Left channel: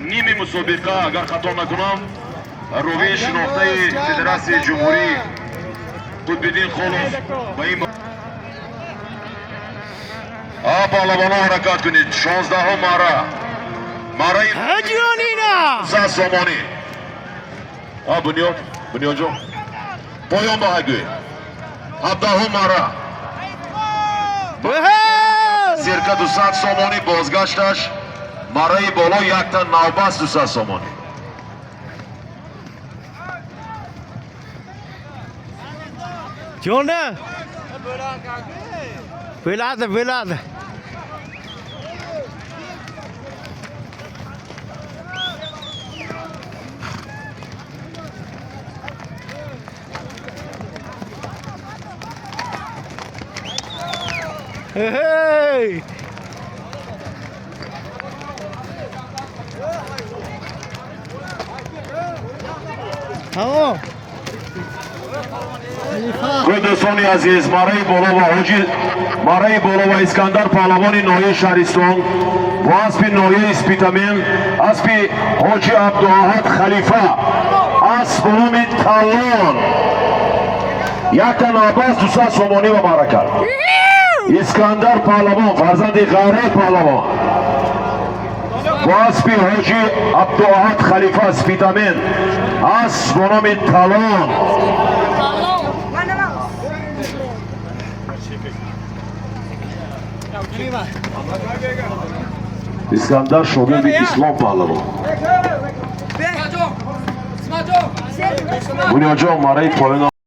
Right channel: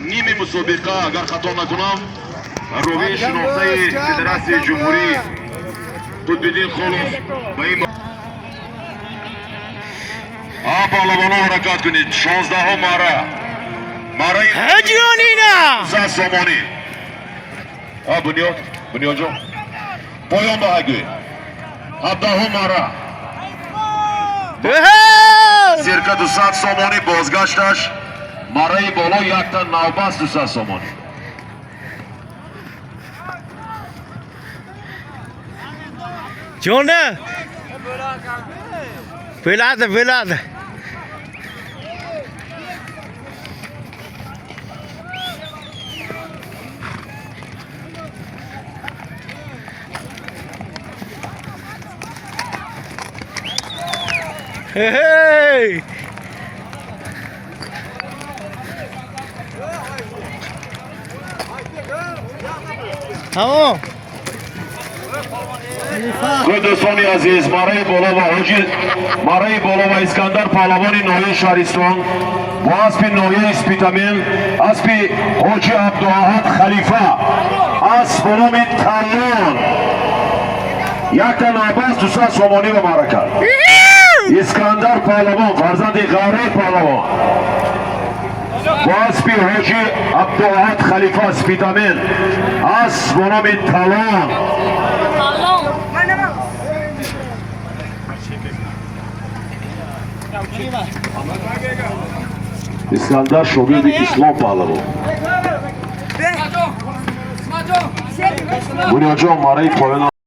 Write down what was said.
نیمه مسابقه اگر خطا نکنم روی شناخته فدراسیون جمهوری قطب‌الدین خالص با این پهلوانا حرکت کنید. 16 مره هجیانینا سامانی بنیاد جان پایان به هگوی 17 مره سرکه 200 سامانی بازگشتش مره بالا یک تا نوبست 200 سامانی جونه بلاده Hey! دوستان عزیز مره بالا و حاجی مره بالا و اسکندر پهلوان نایه شهرستان و اسب نایه اسپیتامین اسب حاجی عبداحد خلیفه اسب بنام تلان یک تا نوبست 200 سامانی و مرکه اسکندر پهلوان فرزند غیره پهلوان با اسب حاجی عبداحد خلیفه اسپیتامین اسب بنام تلان اسکندر شاگرد اسلام پهلوان بنیاد جان مره پایان